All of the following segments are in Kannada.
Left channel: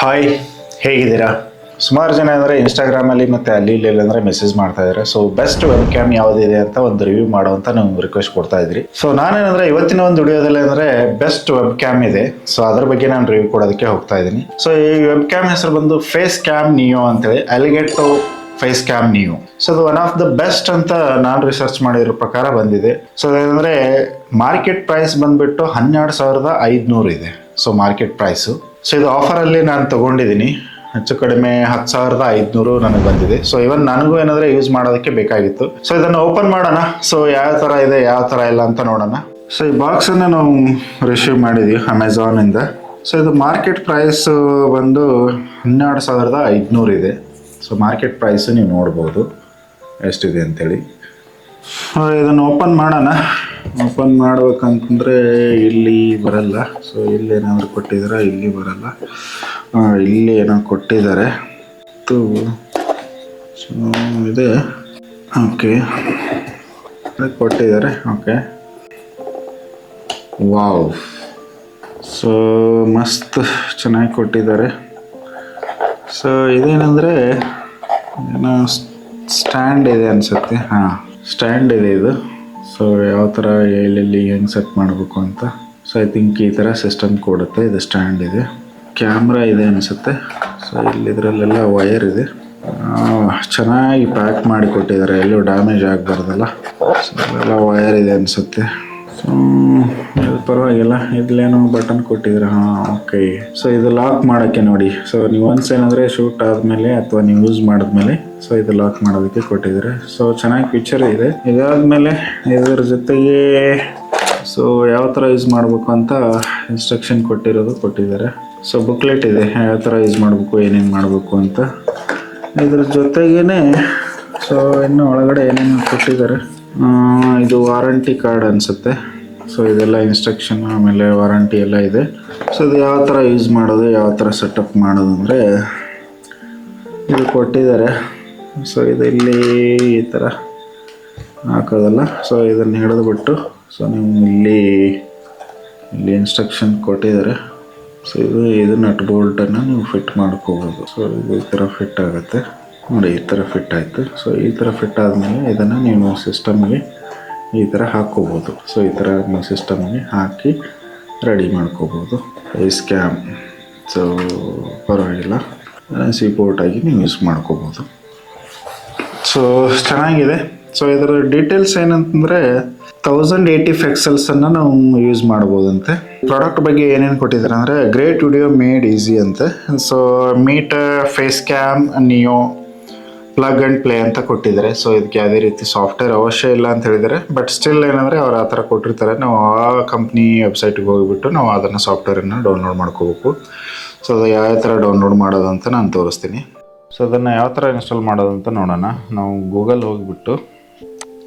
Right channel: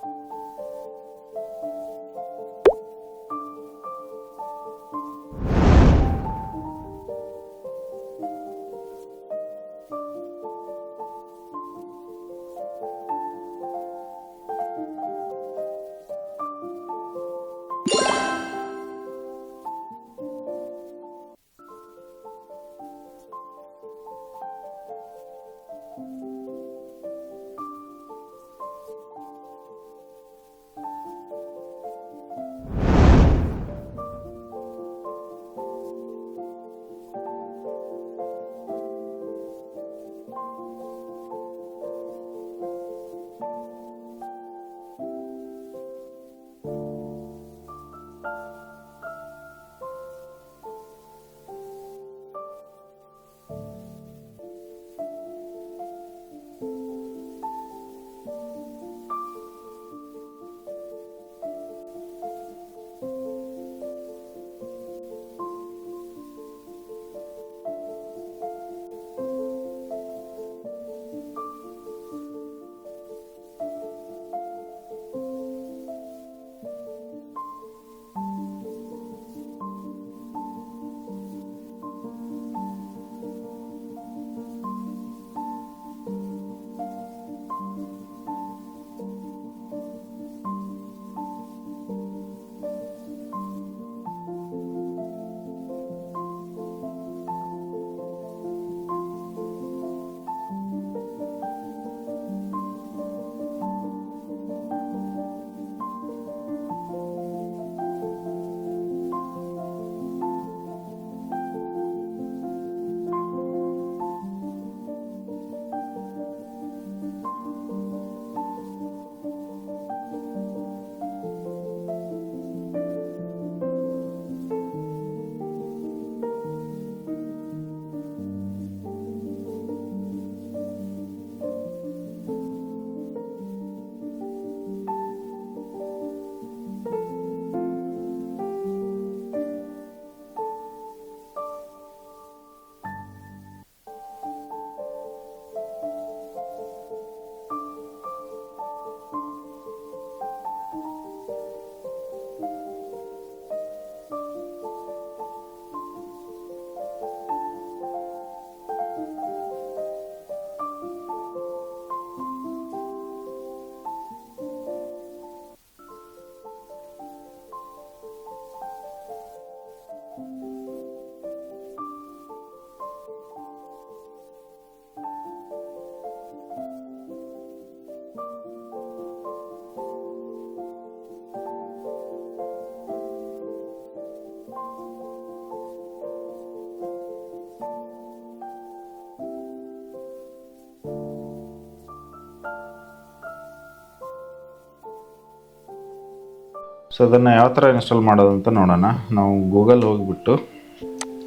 ಹಾಯ್ ಹೇಗಿದ್ದೀರಾ? ಸುಮಾರು ಜನ ಅಂದರೆ ಇನ್ಸ್ಟಾಗ್ರಾಮಲ್ಲಿ ಮತ್ತು ಅಲ್ಲಿ ಇಲ್ಲಿ ಅಂದರೆ ಮೆಸೇಜ್ ಮಾಡ್ತಾ ಇದ್ದಾರೆ. ಸೊ ಬೆಸ್ಟ್ ವೆಬ್ ಕ್ಯಾಮ್ ಯಾವುದಿದೆ ಅಂತ ಒಂದು ರಿವ್ಯೂ ಮಾಡೋ ಅಂತ ನೀವು ರಿಕ್ವೆಸ್ಟ್ ಕೊಡ್ತಾ ಇದ್ರಿ. ಸೊ ನಾನೇನಂದ್ರೆ ಇವತ್ತಿನ ಒಂದು ವಿಡಿಯೋದಲ್ಲಿ ಅಂದರೆ ಬೆಸ್ಟ್ ವೆಬ್ ಕ್ಯಾಮ್ ಇದೆ. ಸೊ ಅದ್ರ ಬಗ್ಗೆ ನಾನು ರಿವ್ಯೂ ಕೊಡೋದಕ್ಕೆ ಹೋಗ್ತಾ ಇದ್ದೀನಿ. ಸೊ ಈ ವೆಬ್ ಕ್ಯಾಮ್ ಹೆಸರು ಬಂದು ಫೇಸ್ ಕ್ಯಾಮ್ ನಿಯೋ ಅಂತೇಳಿ. Elgato Facecam Neo so ಅದು ಒನ್ ಆಫ್ ದ ಬೆಸ್ಟ್ ಅಂತ ನಾನು ರಿಸರ್ಚ್ ಮಾಡಿರೋ ಪ್ರಕಾರ ಬಂದಿದೆ. ಸೊ ಅದೇನಂದರೆ ಮಾರ್ಕೆಟ್ ಪ್ರೈಸ್ ಬಂದ್ಬಿಟ್ಟು ಹನ್ನೆರಡು ಸಾವಿರದ ಐದುನೂರು ಇದೆ. ಸೊ ಮಾರ್ಕೆಟ್ ಪ್ರೈಸು ಸೊ ಇದು ಆಫರಲ್ಲಿ ನಾನು ತಗೊಂಡಿದ್ದೀನಿ ಹೆಚ್ಚು ಕಡಿಮೆ ಹತ್ತು ಸಾವಿರದ ಐದುನೂರು ನನಗೆ ಬಂದಿದೆ. ಸೊ ಇವನ್ ನನಗೂ ಏನಾದರೆ ಯೂಸ್ ಮಾಡೋದಕ್ಕೆ ಬೇಕಾಗಿತ್ತು. ಸೊ ಇದನ್ನು ಓಪನ್ ಮಾಡೋಣ. ಸೊ ಯಾವ ಥರ ಇದೆ, ಯಾವ ಥರ ಇಲ್ಲ ಅಂತ ನೋಡೋಣ. ಸೊ ಈ ಬಾಕ್ಸನ್ನು ನಾವು ರಿಸೀವ್ ಮಾಡಿದ್ವಿ ಅಮೆಝಾನಿಂದ ಸೊ ಇದು ಮಾರ್ಕೆಟ್ ಪ್ರೈಸ್ ಬಂದು ಹನ್ನೆರಡು ಸಾವಿರದ ಐದುನೂರು ಇದೆ. ಸೊ ಮಾರ್ಕೆಟ್ ಪ್ರೈಸು ನೀವು ನೋಡ್ಬೋದು. ಎಷ್ಟಿದೆ ಅಂತೇಳಿ. ಆ, ಇದನ್ನು ಓಪನ್ ಮಾಡೋಣ. ಓಪನ್ ಮಾಡ್ಬೇಕಂತಂದರೆ ಇಲ್ಲಿ ಬರಲ್ಲ. ಸೊ ಇಲ್ಲಿ ಏನಾದರೂ ಕೊಟ್ಟಿದ್ದಾರೆ? ಇಲ್ಲಿ ಬರಲ್ಲ. ಇಲ್ಲಿ ಏನೋ ಕೊಟ್ಟಿದ್ದಾರೆ. ಮತ್ತು ಸೊ ಇದೆ. ಓಕೆ ಕೊಟ್ಟಿದ್ದಾರೆ. ಓಕೆ ವಾವ್ ಸೊ ಮಸ್ತ್ ಚೆನ್ನಾಗಿ ಕೊಟ್ಟಿದ್ದಾರೆ. ಸೊ ಇದೇನೆಂದರೆ ಏನೋ ಸ್ಟ್ಯಾಂಡ್ ಇದೆ ಅನಿಸುತ್ತೆ. ಹಾಂ. ಸ್ಟ್ಯಾಂಡ್ ಇದೆ ಇದು. ಸೊ ಯಾವ ಥರ ಎಲ್ಲೆಲ್ಲಿ ಹೆಂಗೆ ಸೆಟ್ ಮಾಡಬೇಕು ಅಂತ. ಸೊ ಐ ಥಿಂಕ್ ಈ ಥರ ಸಿಸ್ಟಮ್ ಕೊಡುತ್ತೆ. ಇದು ಸ್ಟ್ಯಾಂಡ್ ಇದೆ. ಕ್ಯಾಮ್ರಾ ಇದೆ ಅನಿಸುತ್ತೆ. ಸೊ ಇಲ್ಲಿ ಇದರಲ್ಲೆಲ್ಲ ವೈರ್ ಇದೆ ಚೆನ್ನಾಗಿ ಪ್ಯಾಕ್ ಮಾಡಿ ಕೊಟ್ಟಿದ್ದಾರೆ. ಎಲ್ಲೂ ಡ್ಯಾಮೇಜ್ ಆಗಬಾರ್ದಲ್ಲ. ಸೊ ಎಲ್ಲ ವೈರ್ ಇದೆ ಅನಿಸುತ್ತೆ. ಸೊ ಪರವಾಗಿಲ್ಲ. ಇದ್ಲೇನೋ ಬಟನ್ ಕೊಟ್ಟಿದ್ರೆ ಹಾಂ ಓಕೆ ಸೊ ಇದು ಲಾಕ್ ಮಾಡೋಕ್ಕೆ ನೋಡಿ. ಸೊ ನೀವು ಒನ್ಸ್ ಏನಂದರೆ ಶೂಟ್ ಆದಮೇಲೆ ಅಥವಾ ನೀವು ಯೂಸ್ ಮಾಡಿದ್ಮೇಲೆ ಸೊ ಇದು ಲಾಕ್ ಮಾಡೋದಕ್ಕೆ ಕೊಟ್ಟಿದ್ದಾರೆ. ಸೊ ಚೆನ್ನಾಗಿ ಫೀಚರ್ ಇದೆ. ಇದಾದಮೇಲೆ ಇದರ ಜೊತೆಗೆ ಸೊ ಯಾವ ಥರ ಯೂಸ್ ಮಾಡಬೇಕು ಅಂತ ಇನ್ಸ್ಟ್ರಕ್ಷನ್ ಕೊಟ್ಟಿರೋದು ಕೊಟ್ಟಿದ್ದಾರೆ. ಸೊ ಬುಕ್ಲೆಟ್ ಇದೆ. ಯಾವ ಥರ ಯೂಸ್ ಮಾಡಬೇಕು, ಏನೇನು ಮಾಡಬೇಕು ಅಂತ. ಇದ್ರ ಜೊತೆಗೇ ಸೊ ಇನ್ನು ಒಳಗಡೆ ಏನೇನು ಕೊಟ್ಟಿದ್ದಾರೆ? ಇದು ವಾರಂಟಿ ಕಾರ್ಡ್ ಅನಿಸುತ್ತೆ. ಸೊ ಇದೆಲ್ಲ ಇನ್ಸ್ಟ್ರಕ್ಷನ್ ಆಮೇಲೆ ವಾರಂಟಿ ಎಲ್ಲ ಇದೆ. ಸೊ ಇದು ಯಾವ ಥರ ಯೂಸ್ ಮಾಡೋದು, ಯಾವ ಥರ ಸೆಟಪ್ ಮಾಡೋದು ಅಂದರೆ ಇದು ಕೊಟ್ಟಿದ್ದಾರೆ. ಸೊ ಇದು ಇಲ್ಲಿ ಈ ಥರ ಹಾಕೋದಲ್ಲ. ಸೊ ಇದನ್ನು ಹಿಡಿದುಬಿಟ್ಟು ಸೊ ನೀವು ಇಲ್ಲಿ ಇಲ್ಲಿ ಇನ್ಸ್ಟ್ರಕ್ಷನ್ ಕೊಟ್ಟಿದ್ದಾರೆ. ಸೊ ಇದು ಇದು ನಟ್ ಬೋಲ್ಟನ್ನು ನೀವು ಫಿಟ್ ಮಾಡ್ಕೋಬೋದು. ಸೊ ಇದು ಈ ಥರ ಫಿಟ್ ಆಗುತ್ತೆ. ನೋಡಿ, ಈ ಥರ ಫಿಟ್ ಆಯಿತು. ಸೊ ಈ ಥರ ಫಿಟ್ ಆದಮೇಲೆ ಇದನ್ನು ನೀವು ಸಿಸ್ಟಮ್ಗೆ ಈ ಥರ ಹಾಕ್ಕೋಬೋದು. ಸೊ ಈ ಥರ ನಾವು ಸಿಸ್ಟಮ್ಗೆ ಹಾಕಿ ರೆಡಿ ಮಾಡ್ಕೋಬೋದು. ಈ ಕ್ಯಾಮ್ ಸೊ ಪರವಾಗಿಲ್ಲ. ಸಿ ಪೋರ್ಟಾಗಿ ನೀವು ಯೂಸ್ ಮಾಡ್ಕೋಬೋದು. ಸೊ ಚೆನ್ನಾಗಿದೆ. ಸೊ ಇದರ ಡೀಟೇಲ್ಸ್ ಏನಂತಂದರೆ ತೌಸಂಡ್ ಏಯ್ಟಿ ಫೆಕ್ಸೆಲ್ಸನ್ನು ನಾವು ಯೂಸ್ ಮಾಡ್ಬೋದಂತೆ. ಪ್ರಾಡಕ್ಟ್ ಬಗ್ಗೆ ಏನೇನು ಕೊಟ್ಟಿದ್ದಾರೆ ಅಂದರೆ ಗ್ರೇಟ್ ವಿಡಿಯೋ ಮೇಡ್ ಈಸಿ ಅಂತೆ. So meet Facecam Neo plug and play ಅಂತ ಕೊಟ್ಟಿದ್ದಾರೆ. ಸೊ ಇದಕ್ಕೆ ಯಾವುದೇ ರೀತಿ ಸಾಫ್ಟ್ವೇರ್ ಅವಶ್ಯ ಇಲ್ಲ ಅಂತ ಹೇಳಿದ್ದಾರೆ. ಬಟ್ ಸ್ಟಿಲ್ ಏನಂದರೆ ಅವ್ರು ಆ ಥರ ಕೊಟ್ಟಿರ್ತಾರೆ. ನಾವು ಆ ಕಂಪ್ನಿ ವೆಬ್ಸೈಟ್ಗೆ ಹೋಗಿಬಿಟ್ಟು ನಾವು ಅದನ್ನು ಸಾಫ್ಟ್ವೇರನ್ನು ಡೌನ್ಲೋಡ್ ಮಾಡ್ಕೋಬೇಕು. ಸೊ ಅದು ಯಾವ ಥರ ಡೌನ್ಲೋಡ್ ಮಾಡೋದು ಅಂತ ನಾನು ತೋರಿಸ್ತೀನಿ. ಸೊ ಅದನ್ನು ಯಾವ ಥರ ಇನ್ಸ್ಟಾಲ್ ಮಾಡೋದು ಅಂತ ನೋಡೋಣ. ನಾವು ಗೂಗಲ್ ಹೋಗಿಬಿಟ್ಟು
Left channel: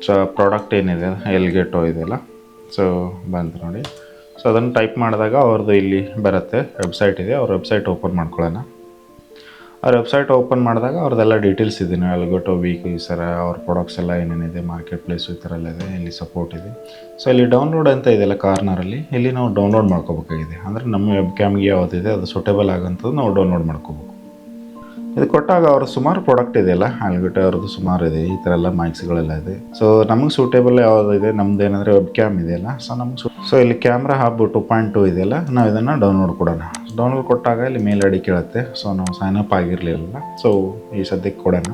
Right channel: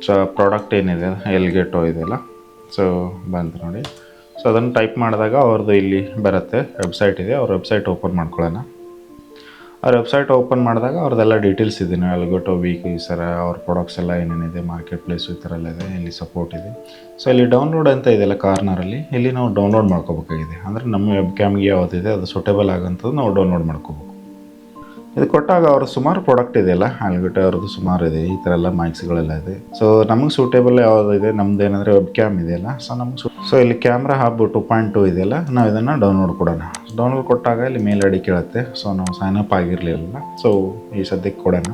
ಸೊ ಪ್ರಾಡಕ್ಟ್ ಏನಿದೆ ಎಲ್ಗೆಟೋ ಇದೆಯಲ್ಲ ಸೊ ಬಂತು ನೋಡಿ. ಸೊ ಅದನ್ನು ಟೈಪ್ ಮಾಡಿದಾಗ ಅವ್ರದ್ದು ಇಲ್ಲಿ ಬರುತ್ತೆ ವೆಬ್ಸೈಟ್ ಇದೆ. ಅವ್ರ ವೆಬ್ಸೈಟ್ ಓಪನ್ ಮಾಡ್ಕೊಳ್ಳೋಣ. ಅವ್ರ ವೆಬ್ಸೈಟ್ ಓಪನ್ ಮಾಡಿದಾಗ ಅವ್ರದ್ದೆಲ್ಲ ಡೀಟೇಲ್ಸ್ ಇದೆ. ಅಲ್ಗೊಟೋ ವೀಕ್ ಈ ಸರ ಅವ್ರ ಪ್ರಾಡಕ್ಟ್ಸ್ ಎಲ್ಲ ಏನೇನಿದೆ ಮಾರ್ಕೆಟ್ ಪ್ಲೇಸು ಈ ಥರ ಎಲ್ಲ ಇದೆ, ಇಲ್ಲಿ ಸಪೋರ್ಟ್ ಇದೆ. ಸೊ ಇಲ್ಲಿ ಡೌನ್ಲೋಡ್ ಅಂತ ಇದೆಲ್ಲ ಕಾರ್ನರಲ್ಲಿ ಇಲ್ಲಿ ನಾವು ಡೌನ್ಲೋಡ್ ಮಾಡ್ಕೋಬೇಕಾಗಿದೆ. ಅಂದರೆ ನಮ್ಮ ವೆಬ್ ಕ್ಯಾಮ್ಗೆ ಯಾವುದಿದೆ, ಅದು ಸೂಟೇಬಲ್ ಆಗೋಂಥದ್ದು ನಾವು ಡೌನ್ಲೋಡ್ ಮಾಡ್ಕೋಬೇಕು. ಇದು ಕೊಟ್ಟಾಗ ಅವ್ರ ಸುಮಾರು ಪ್ರಾಡಕ್ಟ್ ಇದೆಯಲ್ಲ ಆಲ್ಗಟ್ಟೆ ಅವ್ರದ್ದು ಸುಮಾರು ಇದೆ, ಈ ಥರ ಎಲ್ಲ ಮೈಕ್ಸ್ಗಳೆಲ್ಲ ಇದೆ. ಸೊ ನಮಗೆ ಸೂಟೇಬಲ್ ಯಾವುದು ಇದೆ, ನಮ್ದು ಏನಂದರೆ ವೆಬ್ ಕ್ಯಾಮ್ ಇದೆಯಲ್ಲ ಸೊ ನಮ್ಗೆ ಸೊ ಇಲ್ಲಿ camera hub two point two ಇದೆಯಲ್ಲ, ನಾವು ಇದನ್ನು ಡೌನ್ಲೋಡ್ ಕೊಡೋಣ. ಡೌನ್ಲೋಡ್ ಕೊಟ್ಟಾಗ ಇಲ್ಲಿ ಮೇಲ್ ಐ ಡಿ ಕೇಳುತ್ತೆ ಸೊ ನಾವು ಸೈನ್ ಅಪ್ ಆಗಿರಲಿಲ್ಲ ಸೊ ಈ ಸದ್ಯಕ್ಕೆ ಕೊಡೋಣ.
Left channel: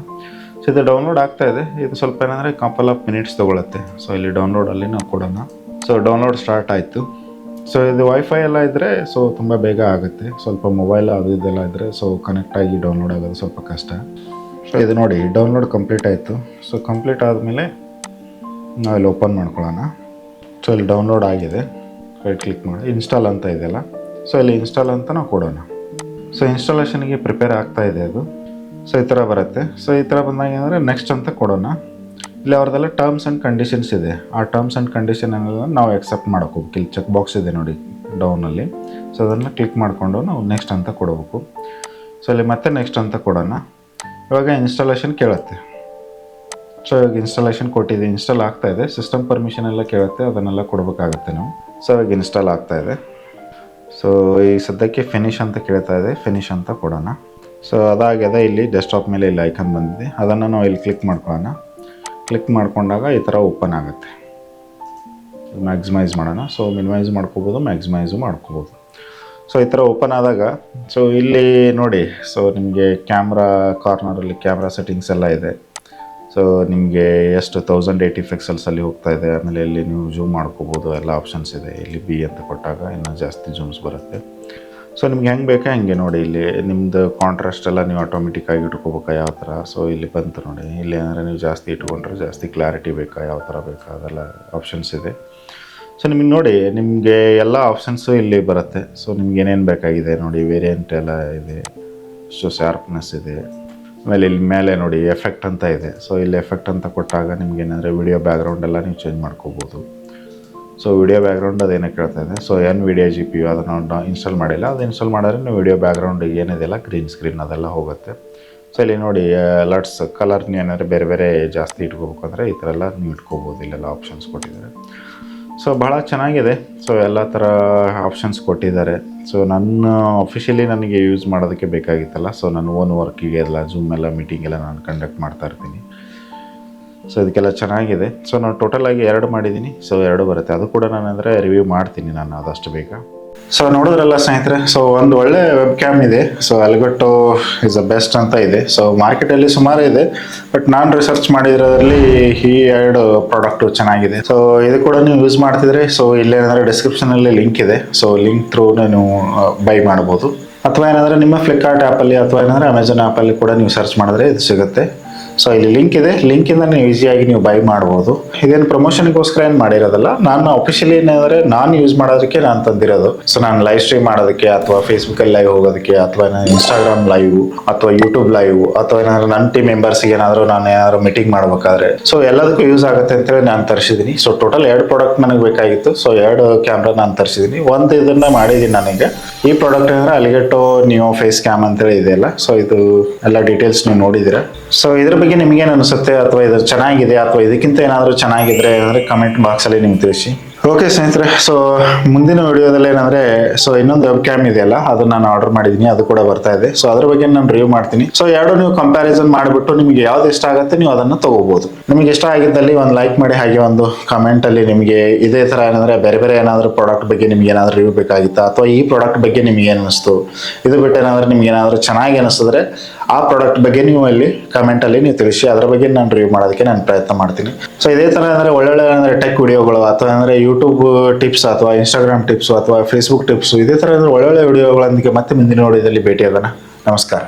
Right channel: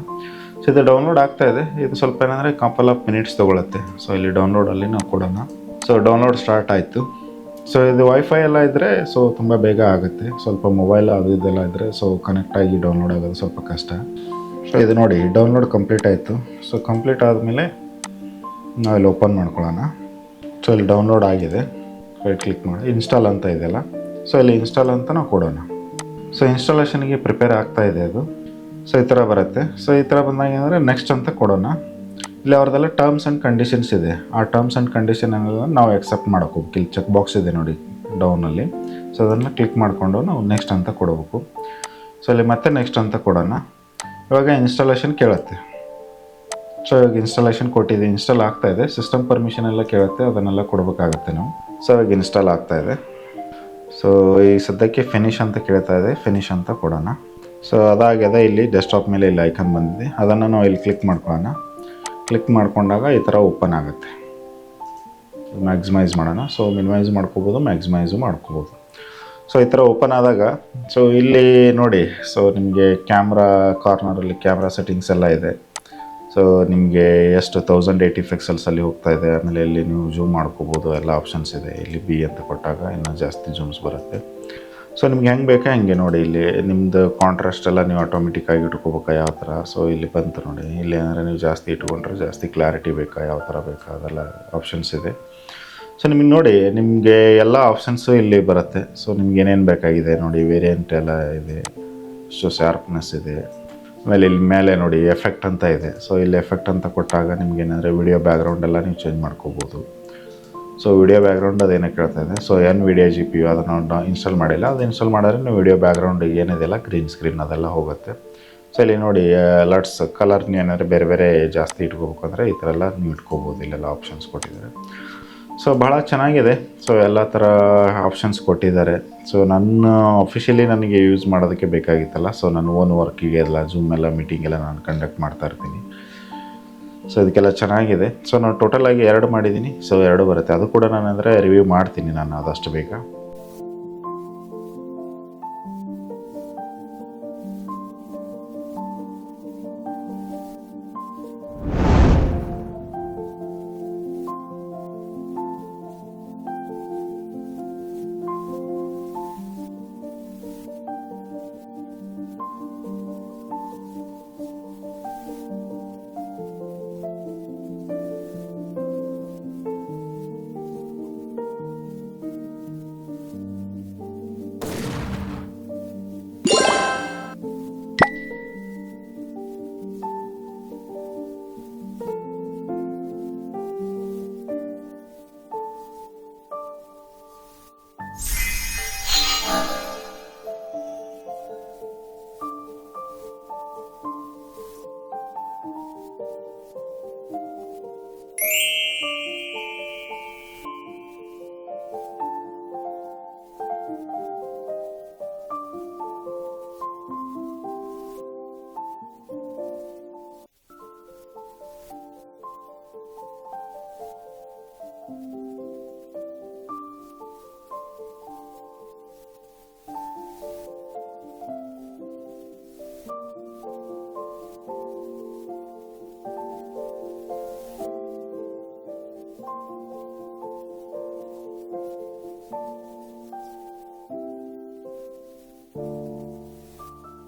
ಸೊ ಇದು ಡೌನ್ಲೋಡ್ ಆಗ್ತಾ ಇದೆ, ಇದು ಸ್ವಲ್ಪ ಏನಂದರೆ ಕಪಲ್ ಆಫ್ ಮಿನಿಟ್ಸ್ ತೊಗೊಳುತ್ತೆ. ಸೊ ಇಲ್ಲಿ ಡೌನ್ಲೋಡಲ್ಲಿ ನಾವು ಕೊಡೋಣ. ಸೊ ಡೌನ್ಲೋಡ್ ಸ್ಟಾರ್ಟ್ ಆಯಿತು. ಸೊ ಇದು ವೈಫೈ ಎಲ್ಲ ಇದ್ದರೆ ಸೊ ತುಂಬ ಬೇಗ ಆಗುತ್ತೆ. ಸ್ವಲ್ಪ ಮೊಬೈಲ್ ಅದು ಇದೆಲ್ಲ ಇದ್ದರೆ ಸೊ ಕನೆಕ್ಟ್ ಆಗಿ ಡೌನ್ಲೋಡ್ ಆಗೋದು ಸ್ವಲ್ಪ ಕಷ್ಟ. ಸೊ ಇದು ನೋಡಿ ಡೌನ್ಲೋಡ್ ಕಂಪ್ಲೀಟ್ ಆಯಿತು. ಸೊ ಕಂಪ್ಲೀಟ್ ಆದಮೇಲೆ ನಾವು ಇಲ್ಲಿ ಓಪನ್ ಮಾಡ್ಕೊಳ್ಳೋಣ. ಸೊ ಇಲ್ಲಿ ಡೌನ್ಲೋಡ್ ಆಗಿದೆ. ರೈಟ್ ಕ್ಲಿಕ್ ಮಾಡಿ. ಇನ್ಸ್ಟಾಲ್ ಅಂತ ಇದೆಯಲ್ಲ ಸೊ ಇಲ್ಲಿ ಇನ್ಸ್ಟಾಲ್ ಅಂತ ನಾವು ಕೊಡೋಣ. ಸೊ ಇನ್ಸ್ಟಾಲೇಷನ್ಗೆ ಪ್ರಿಪೇರ್ ಆಗ್ತಾ ಇದೆ ಅದು. ಸೊ ಈ ಥರ ಬರುತ್ತೆ. ಸೊ ಈ ಥರ ಬಂದಾಗ ಏನಂದರೆ ನೆಕ್ಸ್ಟ್ ಅಂತ ಕೊಡೋಣ. ಇಲ್ಲಿ ಅವ್ರದ್ದೆಲ್ಲ ಟರ್ಮ್ಸ್ ಆ್ಯಂಡ್ ಕಂಡೀಷನ್ಸ್ ಇದೆ. ಆ ಟರ್ಮ್ಸ್ ಆ್ಯಂಡ್ ಕಂಡೀಷನ್ ನಾವು ಎಕ್ಸೆಪ್ಟ್ ಮಾಡ್ಕೋಬೇಕು ಇಲ್ಲಿ ಚೆಕ್ ಬಾಕ್ಸ್ ಇದೆ ನೋಡಿ ಡೌನಲ್ಲಿ ಸೊ ಅದನ್ನು ಕ್ಲಿಕ್ ಮಾಡಿಕೊಂಡು ನಾವು ನೆಕ್ಸ್ಟ್ ಅಂತ ಕೊಡಬೇಕು. ಸೊ ಇಲ್ಲಿ ಮತ್ತೆ ನೆಕ್ಸ್ಟ್ ಅಂತ ಕೊಡೋಣ. ಇವಾಗ ಇನ್ಸ್ಟಾಲೇಷನ್ ಕೇಳುತ್ತೆ. ಸೊ ಇವಾಗ ಇನ್ಸ್ಟಾಲೇಷನ್ ಕೊಟ್ಟಿದೆ. ಇನ್ಸ್ಟಾಲ್ ಆಗ್ತಾ ಇದೆ. ಸಿಸ್ಟಮ್ ಪರ್ಮಿಷನ್ ಎಲ್ಲ ಕೇಳುತ್ತೆ. ಅದನ್ನೆಲ್ಲ ಕೊಡಬೇಕಾಗುತ್ತೆ ನಾವು. ಸೊ ಇವಾಗ ಇನ್ಸ್ಟಾಲ್ ಆಗ್ತಾ ಇದೆ. ಸೊ ಈ ಸದ್ಯಕ್ಕೆ ಫಿನಿಶ್ ಅಂತ ಕೇಳ್ತಾ ಇದೆ. ಫಿನಿಶ್ ಅಂತ ಕೊಡೋಣ. ಸೊ ಅದಾಗ್ಯದ ಇಲ್ಲಿ ಡೆಸ್ಕ್ಟಾಪ್ ಮೇಲೆ ಇಲ್ಲಿ ಐಕನ್ ಬಂದಿದೆ. ಅದನ್ನು ನಾವು ಇಲ್ಲಿ ಕ್ಲಿಕ್ ಮಾಡ್ಕೊಳ್ಳೋಣ. ಕ್ಲಿಕ್ ಮಾಡಿಕೊಂಡಾಗ ಈ ಥರ ಓಪನ್ ಆಗುತ್ತೆ. ಮ್ಯಾಕ್ಸಿಮೈಸ್ ಮಾಡೋಣ. ಸೊ ಮಿನಿಮೈಸ್ ಮಾಡ್ಕೋಬೋದು ಮ್ಯಾಕ್ಸಿಮೈಸು ಮಾಡ್ಕೋಬೋದು. ಸೊ ಈ ಥರ ಓಪನ್ ಆದಾಗ ಸೊ ಇಲ್ಲಿ ನೋಡಿ ಸೊ ನಿಮಗೆ ಕ್ಯಾಮ್ರಾ ಕಾರ್ನರಲ್ಲಿ ಕ್ಯಾಮ್ರಾ ಸೆಟ್ಟಿಂಗ್ಸ್ ಎಲ್ಲ ಇದೆ. ಸೊ ನಿಮಗೆ ಎಷ್ಟು ತೌಸಂಡ್ ಏಯ್ಟಿ ಫಿಕ್ಸಲ್ಸಲ್ಲಿ ಹೋಗ್ತಾ ಇದೆ, ಆಮೇಲೆ ಇಲ್ಲಿ ನೀವು ಜೂಮ್ ಮಾಡ್ಕೋಬೋದು, ಎಲ್ಲ ಆಪ್ಷನ್ಸ್ ಇದೆ. ಇಲ್ಲಿ ಬಿ ಅಂತ ಕೊಟ್ಟಾಗ ಇನ್ನೂ ಜಾಸ್ತಿ ಜೂಮ್ಸ್ ಬರುತ್ತೆ. ಸೊ ನಿಮ್ಗೆ ಹೆಂಗೆ ಬೇಕಾ ಹಂಗೆ ನೋಡಿ. ಇಲ್ಲಿ ನಿಮ್ಮದು ಕಾಂಟ್ರಾಸ್ಟ್ ಎಲ್ಲ ನೀವು ಆಟೋಮೆಟಿಕ್ಕಾಗಿ ಇಟ್ಕೋಬೇಕಾ ಯಾವ ಥರ? ಸೊ ಇಲ್ಲಿ ಬಂತು ನೋಡಿ. ಇಲ್ಲಿ ಅಂದರೆ ನೀವು ಜಾಸ್ತಿ ಇಟ್ಕೊಂಡ್ರೆ ಜಾಸ್ತಿ ಕ್ಲಾರಿಟಿ ಬೇಕಾ? ಯಾವ ಥರ ಬೇಕಾ? ಅದೆಲ್ಲ ಆಪ್ಷನ್ಸ್ ಇದೆ. ಸೊ ನಿಮಗೆ ನೋಡಿ, ನಿಮಗೆ ಎಲ್ಲ ಆಪ್ಷನ್ಸು ಇಲ್ಲಿ ಬರುತ್ತೆ. ಸೊ ನಿಮ್ಗೆ ಏನೇನು ಬೇಕಾಗಿದೆ ನೋಡಿ? ವೇರಿಯಂಟ್ ಎಲ್ಲ ಇದೆ. ಸೊ ಶಾರ್ಪ್ನೆಸ್ ಇದೆ. ಆಮೇಲೆ ಇಲ್ಲಿ ಮೇಲೆ ನೋಡಿ ಎಫೆಕ್ಟ್ ಅಂತ ಇದೆ. ಸೊ ಇಲ್ಲಿ ಎಫೆಕ್ಟ್ ಅಂತ ಕೊಟ್ಟಾಗ ನಿಮ್ಗೆ ಏನಂದರೆ ವಿಡಿಯೋ ಬ್ಯಾಕ್ಗ್ರೌಂಡ್ ಎಲ್ಲ ನೀವು ಚೇಂಜ್ ಮಾಡ್ಕೋಬೋದು. ಸೊ ವಿಡಿಯೋ ಬ್ಯಾಕ್ಗ್ರೌಂಡ್ ಅದೇನೇ ಕೇಳ್ತಾ ಇದೆ so Nvidia G P U ಅದನ್ನು ಇನ್ಸ್ಟಾಲ್ ಮಾಡಿಲ್ಲ. ಅದು ಇನ್ಸ್ಟಾಲ್ ಮಾಡಿದ್ರೆ ನೀವು ವಿಡಿಯೋ ಬ್ಯಾಕ್ಗ್ರೌಂಡ್ ಏನಿದೆಲ್ಲ ಗ್ರೀನ್ ಸ್ಕ್ರೀನ್ ಅದೆಲ್ಲ ಹೋಗುತ್ತೆ. ಸೊ ಇಲ್ಲಿ ನೋಡಿ ಲಟ್ಸ್ ಕಲರ್ ಏನಾದ್ರೆ ಬೇರೆ ಬೇರೆ ಜಾಸ್ತಿ ಇಟ್ಕೋಬೇಕಂದ್ರೆ ಈ ಥರ ಎಲ್ಲ ನೀವು ಇಟ್ಕೋಬೋದು. ಇಲ್ಲೆಲ್ಲ ಆಪ್ಷನ್ಸ್ ಕೊಟ್ಟಿದ್ದಾರೆ. ಸೊ ಭಾಳ ಚೆನ್ನಾಗಿದೆ. ಸೊ ಎಲ್ಲ ಥರ ಆಪ್ಷನ್ಸ್ ಕೊಟ್ಟಿದ್ದಾರೆ. ಸೊ ನನ್ನ ಅಫಿಷಿಯಲಿ ನನಗೆ ಯೂಸ್ ಮಾಡೋದಕ್ಕೆ ಬೇಕಾಗಿತ್ತಲ್ಲ. ಸೊ ನನ್ನ ಓನ್ ವರ್ಕಿಗೆ ಎಲ್ಲ ಜೂಮ್ ಎಲ್ಲ ಮೀಟಿಂಗ್ ಎಲ್ಲ ನಾನು ಕಂಡಕ್ಟ್ ಮಾಡ್ತಾ ಇರ್ತೀನಿ. ಸೊ ಇದಕ್ಕೆಲ್ಲ ಚೆನ್ನಾಗಿದೆ. ಸೊ ನಾನು ಟೋಟಲಾಗಿ ಎರಡು ಮಾಡಿದ್ದೀನಿ. ಸೊ ಎರಡು ಬರುತ್ತೆ. ಅದು ಕೂಡ ನಾನು ಅಂದರೆ ರಿವ್ಯೂ ಮಾಡ್ತೀನಿ ನಾನು ಆದಷ್ಟು ಬೇಗ. ಸೊ ನೋಡಿದ್ರಲ್ಲ ಸ್ನೇಹಿತರೆ ಸೊ ಒಂದು ಒಳ್ಳೆ ವೆಬ್ ಕ್ಯಾಮ್ ಇದೆ. So Elgato is a best ಅಂತ ಇದೆ. ಸೊ ಮಾರ್ಕೆಟಲ್ಲಿ ಸುಮಾರು ಇದೆ. ಬಟ್ ನಾನು ರಿಸರ್ಚ್ ಮಾಡಿರೋದ್ರಲ್ಲಿ ಈ ಎರಡು ಪ್ರಾಡಕ್ಟು ಚೆನ್ನಾಗಿದೆ. ಸೊ ಇದು ಕೂಡ ನೀವು ಯೂಸ್ ಮಾಡ್ತಿದ್ರೆ ಸೊ ಇಲ್ಲೇನಾದ್ರೆ ಡಿಸ್ಕ್ರಿಪ್ಷನಲ್ಲಿ ಲಿಂಕ್ ಇದೆ. ಸೊ ಲಿಂಕ್ ಥ್ರೂ ನೀವು ಬೈ ಮಾಡ್ಬೋದು. ಅಥವಾ ಏನಂದರೆ ನಿಮ್ಮ ಫ್ಲಿಪ್ಕಾರ್ಟ್ ಆ್ಯಪಲ್ಲಿ ಅಥವಾ ಏನಂದರೆ ಅಮೆಝಾನ್ ಆ್ಯಪಲ್ಲಿ ಕೂಡ ನೀವು ಸರ್ಚ್ ಮಾಡಿದ್ರೆ ಇದು ಸಿಗುತ್ತೆ. ಸೊ ಇಲ್ಲಿ ಲಿಂಕ್ ಇದೆ. ಲಿಂಕಿಂದ ನೀವು ಈಸಿಯಾಗಿ ನೀವು ಬೈ ಮಾಡ್ಬೋದು. ಇದೇನು ಪ್ರಮೋಷನ್ಗೋಸ್ಕರ ಏನು ಮಾಡಿರೋದಲ್ಲ, ನಾನು ಅಫಿಷಿಯಲಿ ಏನಂದರೆ ನಾನು ಯೂಸ್ ಮಾಡೋದಕ್ಕೆ ನಾನು ತಂದಿರೋದು. ಸೊ ನಾನು ಲೈವ್ ಸ್ಟ್ರೀಮ್ ಮಾಡೋದಕ್ಕೆ ಅಥವಾ ಫೇಸ್ಬುಕ್ಕಲ್ಲಿ ಲೈವ್ ಹೋಗೋದಕ್ಕೆ ಅಥವಾ ಇನ್ಸ್ಟಾಗ್ರಾಮ್ ಲೈವ್ ಅಥವಾ ಯೂಟ್ಯೂಬ್ ಲೈವ್ ಅಥವಾ ಏನಾದ್ರು ನನ್ನ ಟೀಮ್ ಮೆಂಬರ್ಸ್ಗೆ ಏನಾದರೂ ನಾನು ಏನಾದ್ರು ಮೀಟಿಂಗ್ ಮಾಡಬೇಕಾದ್ರೆ. ಸೊ ಎಲ್ಲದಕ್ಕೂ ಯೂಸ್ ಆಗುತ್ತೆ ಅಂತೇಳಿ ನಾನು ತರಿಸಿದ್ದೀನಿ ಸೊ ಟೋಟಲ್ ಎರಡು ಪ್ರಾಡಕ್ಟ್ ನನಗೆ ಬೇಕಾಗಿತ್ತು. ಸೊ ಎರಡು ಕ್ಯಾಮ್ರಾ ನಾನು ತರಿಸಿದ್ದೀನಿ ಒಂದು ಇದನ್ನ ಮಾಡಿದ್ದೀನಿ ನನಗೆ. ಈ ಪ್ರಾಡಕ್ಟ್ ಅಂದರೆ ಅಲಿಗೆಟೋ ನಿಯೋ ಫೇಸ್ ಕ್ಯಾಮ್ ಅಂತೇಳಿ ಇದೆಯಲ್ಲ. ಸೊ ಇದು ಎಲ್ಲ ಡೀಟೇಲ್ಸ್ ನೀವು ನೋಡಿದ್ದೀರಾ. ಸೊ ಇದ್ರ ನಿಮ್ಗೇನು ಅನಿಸುತ್ತೆ ಅಥವಾ ಇದು ಚೆನ್ನಾಗಿದೆ ಅಥವಾ ಇದಕ್ಕಿಂತ ಏನಾದರೂ ಚೆನ್ನಾಗಿದ್ರೆ ಏನಾದರೆ ಕಮೆಂಟ್ ಬಾಕ್ಸಲ್ಲಿ ನಿಮ್ಗೆ ತಿಳಿಸಿ. ಓಕೆ ಸ್ನೇಹಿತರೆ ಸೊ ಮುಂದಿನ ವಿಡಿಯೋದಲ್ಲಿ ಏನಂದರೆ ಸೊ ಇನ್ನೊಂದು ವೆಬ್ ಕ್ಯಾಮ್ ಇದೆಯಲ್ಲ ಅದು ನಾನು ಆರ್ಡರ್ ಮಾಡಿದ್ದೀನಿ, ಅದು ಕೂಡ ಬರ್ತಾ ಇದೆ. ಸೊ ಅದ್ರ ಬಗ್ಗೆ ನಾನು ರಿವ್ಯೂ ಮಾಡ್ತೀನಿ. ಸೊ ಎರಡು ನೀವು ಕಂಪ್ಯಾರಿಸನ್ ಮಾಡಿಬಿಟ್ಟು ನಿಮಗೆ ಯಾವ್ದು ಇಷ್ಟ ಆಗುತ್ತೆ ನೀವು ಅದನ್ನು ತಗೋಬಹುದು ನಿಮಗೆ ಇಷ್ಟ ಆಗಿದ್ದಲ್ಲಿ ಒಂದು ಲೈಕ್ ಮಾಡಿ, ಹಾಗೆ ಒಂದು ಕಮೆಂಟಲ್ಲಿ ನಿಮಗೆ ಇದೇ ಥರ ಏನಂದರೆ ಬೇರೆ ಬೇರೆ ಏನಾದರೂ ಪ್ರಾಡಕ್ಟ್ ಬಗ್ಗೆ ನಿಮ್ಗೆ ಏನಾದರೂ ರಿವ್ಯೂ ಬೇಕಾಗಿತ್ತಾ, ಅಥವಾ ಈ ಪ್ರಾಡಕ್ಟ್ ಬಗ್ಗೆ ನಿಮ್ಗೆ ಏನು ಅನಿಸ್ತು, ಇದು ಬಿಟ್ಟು ಏನಾದ್ರೆ ನಿಮ್ಗೆ ಏನಾದರೂ ಚೆನ್ನಾಗಿ ಅನಿಸಿದ್ರೆ ಆ ಪ್ರಾಡಕ್ಟ್ ಬಗ್ಗೆ ನೀವು ಅಲ್ಲಿ ಕಮೆಂಟಲ್ಲಿ ನೀವು ತಿಳಿಸಿ, ಅದರ ಬಗ್ಗೆ ನಾನು ರಿವ್ಯೂ ಮಾಡೋದಕ್ಕೆ ನಾನು ಪ್ರಯತ್ನ ಮಾಡ್ತೀನಿ. ಸೊ ಇದೇ ಥರ ಅಂದರೆ ಒಳ್ಳೊಳ್ಳೆ ಅಂದರೆ ಟೆಕ್ ವಿಡಿಯೋಗಳು ಅಥವಾ ಅಂದರೆ ಯೂಟ್ಯೂಬ್ ಟಿಪ್ಸ್ ಅಥವಾ ಇನ್ಸ್ಟಾಗ್ರಾಮ್ ಟಿಪ್ಸು ಅಥವಾ ಫೇಸ್ಬುಕ್ ಟಿಪ್ಸು ಇದೇ ಥರ ಅಂದರೆ ಒಳ್ಳೊಳ್ಳೆ ವಿಡಿಯೋಗಳೊಂದಿಗೆ ಮತ್ತೆ ಮುಂದಿನ ವಿಡಿಯೋದಲ್ಲಿ ಭೇಟಿಯಾಗೋಣ. ನಮಸ್ಕಾರ.